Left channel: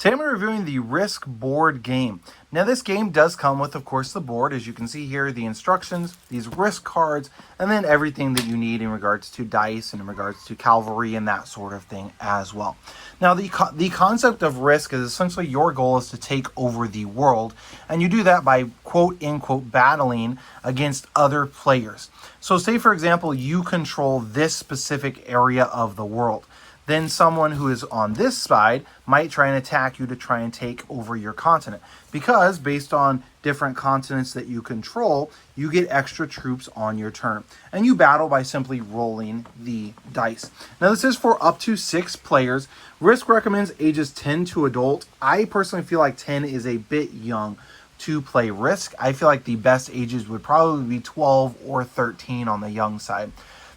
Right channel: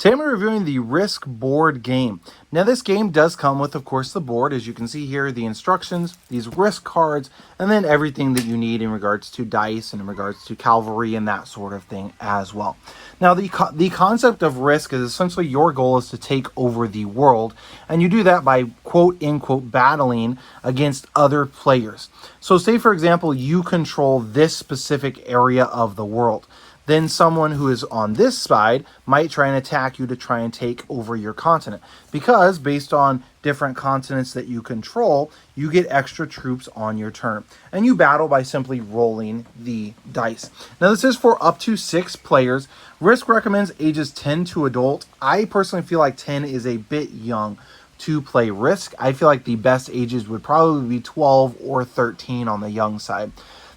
Today I'm reviewing the Risk board game. Now this game does come with, of course, the board. As you can see here, the instructions, these Risk cards, and then everything that you need in regards to dice and in regards to cavalry and that sort of thing as well. Now the concept of Risk is essentially your goal is to take over the world, and you do that by quote-unquote battling against other players. So say, for example, you control this specific area of the world. Then someone who is on this side might try and attack you to try and take over your continent. Because based on different continents that you control, you get extra troops on your turn. And you battle by simply rolling the dice. Now this is for up to 6 players. Risk recommends ages 10 to adult. I personally feel like 10 is a bit young to play Risk. I feel like the best ages would probably be 12 or 13 on the young side.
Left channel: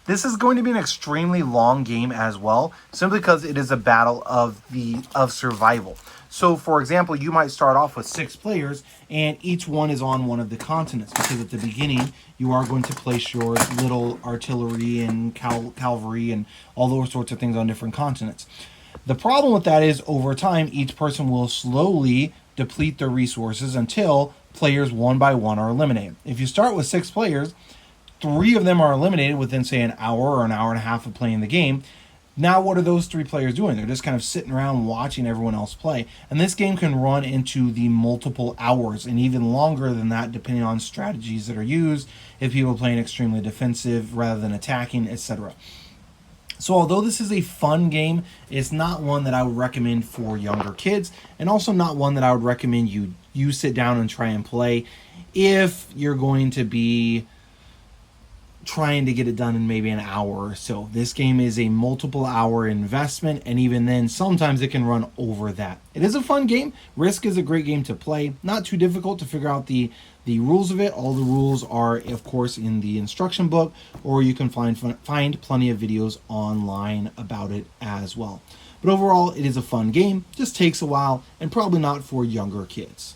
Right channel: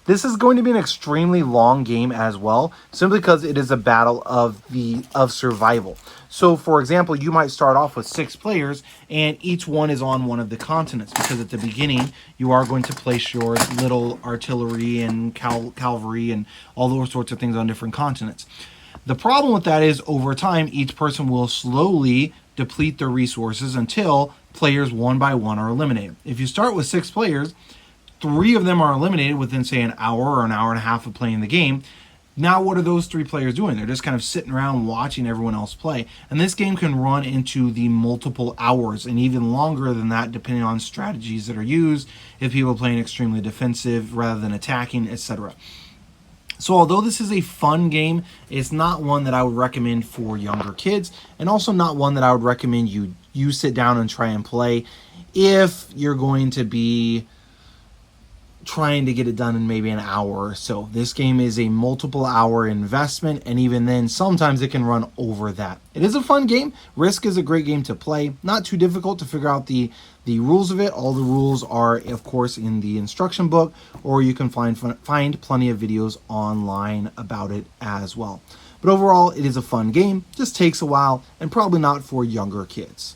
This is going to be an extremely long game as well, simply because it is a battle of survival. So, for example, you might start off with 6 players, and each one is on one of the continents, because at the beginning, you are going to place your little artillery and cavalry and all those sorts of things on different continents. The problem with that is, over time, each person will slowly deplete their resources until players one by one are eliminated. If you start with 6 players, 3 of them are eliminated within, say, an hour or an hour and a half of playing the game. Now what are those 3 players doing? They're just kind of sitting around watching everyone else play. And this game can run into the multiple hours and even longer than that, depending on strategies that are used, if people are playing extremely defensive rather than attacking, etc. So although this is a fun game, it's not one that I would recommend for younger kids, and also not one that I would recommend you sit down and try and play if you're going to be trying to get it done in maybe an hour or so. This game is a multiple hour investment, and even then sometimes it can run over that. It is a fun game. Risk is a great game to play. Not too difficult to figure out the rules of it. All the rules are, of course, in the instruction book, or you can find plenty of videos online about it as well. But overall, it is a fun game. Just takes a while, and probably not for younger kids.